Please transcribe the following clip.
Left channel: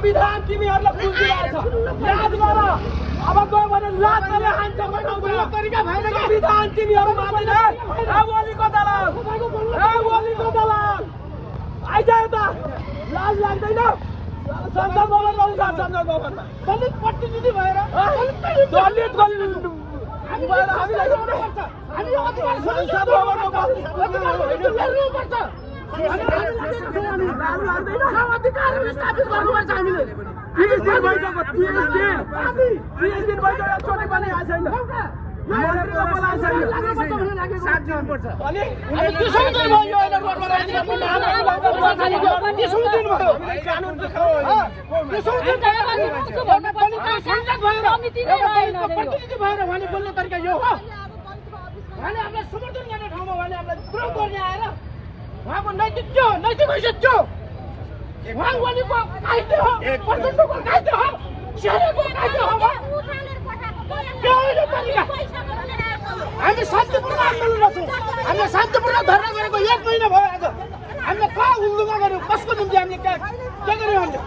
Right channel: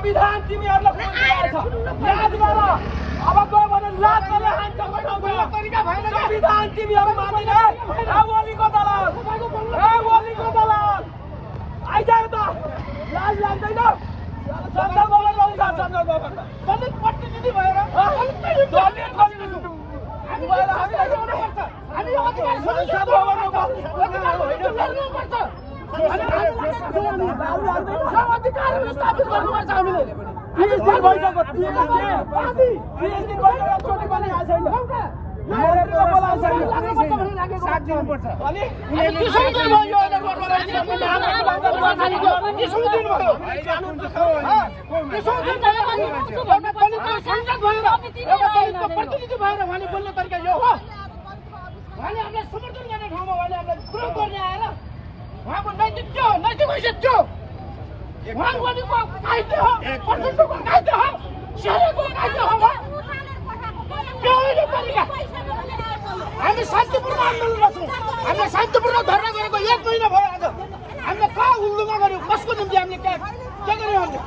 संविधान तिमीहरूलाई खुल्दिरहेछ याद गर अब गयो भने लातले हान्छ तरिका भएन संविधान तिमीहरू मान्दैन ओलीको दलाल ओलीको दलाल आइज त लाज लाग्दैन संसद भवन आउँछ संसद भवन दलित प्रतिनिधि भएर दलित हामी भएर हामीलाई ल्याउनुपर्छ हामी संसद भवनमा बस्नुपर्छ अधिकार स्थापित गर्नुपर्छ हामीले 30 दिन भइसक्यो 30 दिन भइसक्यो छोटी पनि आएको छैन मन्त्रीको बोलाएको छैन 7 दिन पर्छ अनि 30 दिन भयो यो अहिले दिन भयो कानुन त खो 30 दिन प्रतिनिधि भएर उहाँले बोल्ने तरिका यो हो उहाँले हामीलाई समर्थन गर्ने ठाउँमा उहाँले हामीलाई विरोध गर्ने आएर उहाँको नैतिक हैसियत थियो उहाँ ओलीको कायदे हो प्रचण्डको कायदे हो शेरको कायदे हो के हो यो तरिका हामी शान्तिपूर्ण आन्दोलनमा छौँ हामीले शान्तिपूर्ण धरना गरेको 1 महिना भयो आज हामीले कहाँ उल्लुमा गर्यौँ कसको निम्ति हामीले के गर्यौँ भने